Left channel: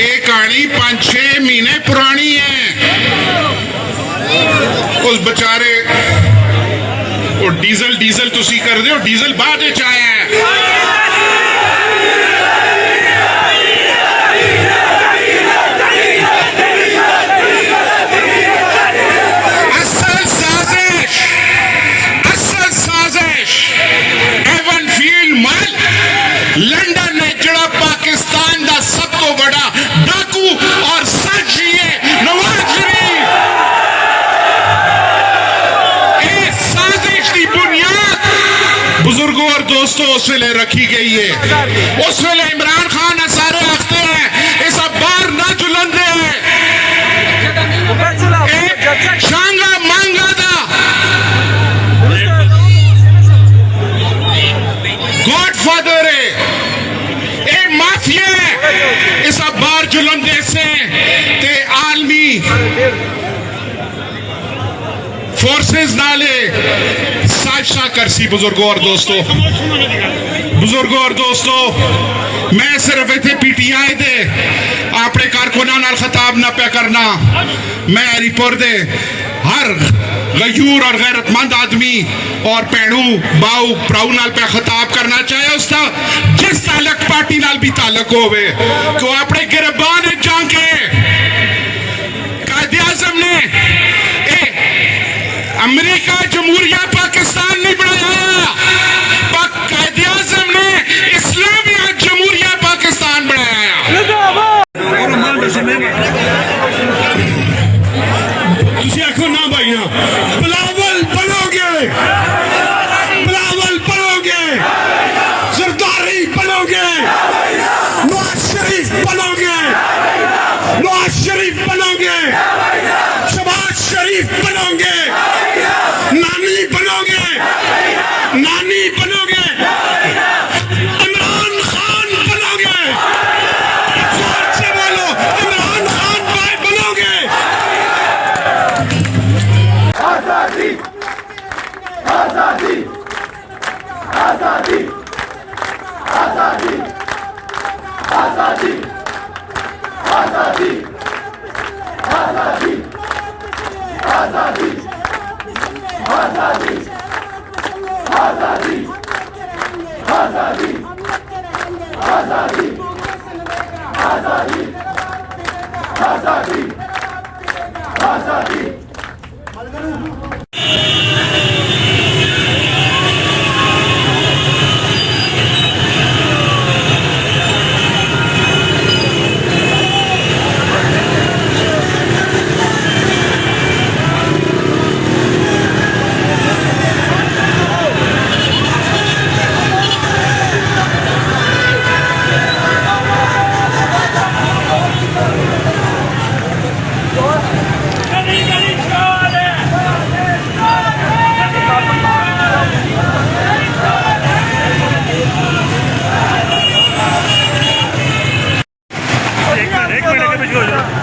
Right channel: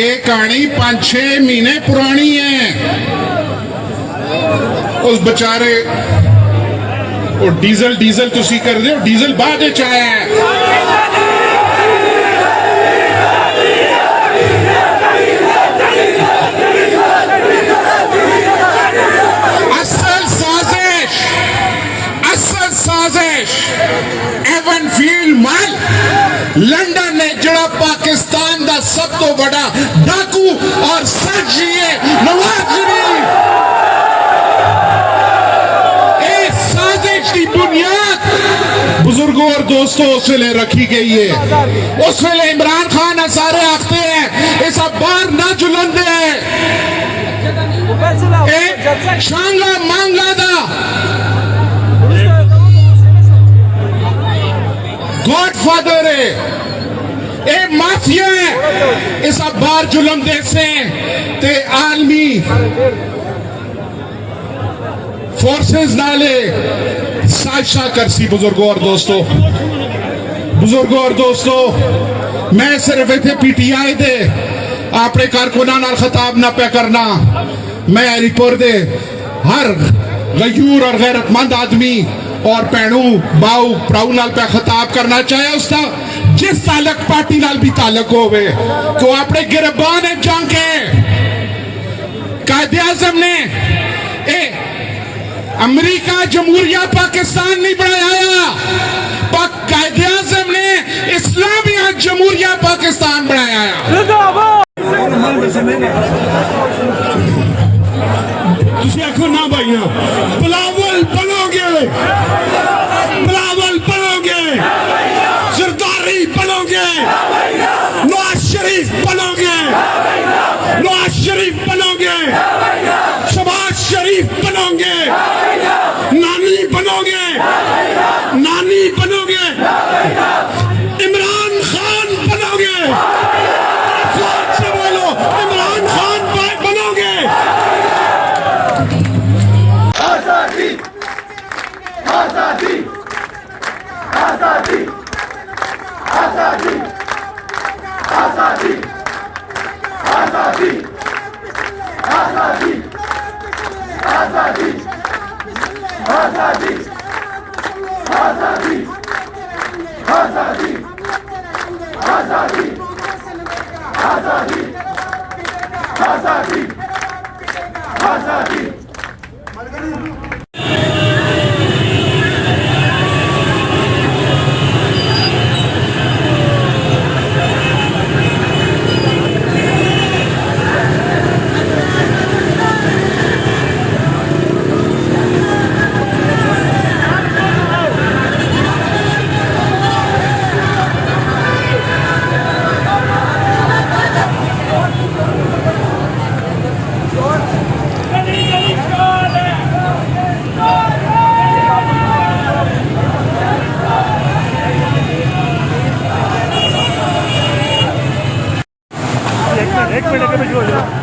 ये कहानी 5-6 महीने पुरानी है। उस बेचारे डीजल डीजल तुसी कर दे, डीजल बाद च आया है। लंदन ने जड़ा पाकिस्तान का सब तो बड़ा डाकू और साजिश है नवाज शरीफ। इस साजिश की बुनियाद बुजुर्गों और दोस्तों उस वेले रखी गई है। उस वेले इमरान खान सारे आखते हैं ये सब बाहर ना जुलंदे हैं। शांगा मांगा दा गॉडफादर है, ए माफिया है। इस बार जुलम देसे ते आलमी फोर्सेस नाले साजिशा करसी। बुजुर्गों और दोस्तों मैं सिर्फ इतने PTI दे अपने कारकुनां नाल खिताब ना पे करना। मैं हरिपुर दे हर गयूर और गैरतमंद आदमी और भैनू बाऊ भराऊ नाल पे खिताब करना चाहे उसका जिस तालक पार्टी नाल भी तालक होवे को अपने गिरबान जाके कायदे-आज़म ने अमेरिका जमहूरिया पाकिस्तान नहीं बनाया, कायदे-आज़म ने इस्लामिया जमहूरिया पाकिस्तान बनाया। तुसी आखो ना भाई ना बिलावल बनोगे, बिलावल बनोगे, सरदारी बनोगे, नवाज शरीफ बनोगे, नवाज शरीफ बनोगे, शहबाज शरीफ बनोगे, नानी बनोगे, नानी बनोगे, इमरान खान बनोगे। जोर से बोलो इमरान खान बनोगे। आजादी आजादी आजादी आजादी आजादी आजादी आजादी आजादी आजादी आजादी आजादी आजादी आजादी आजादी आजादी।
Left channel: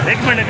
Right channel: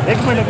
एक मिनट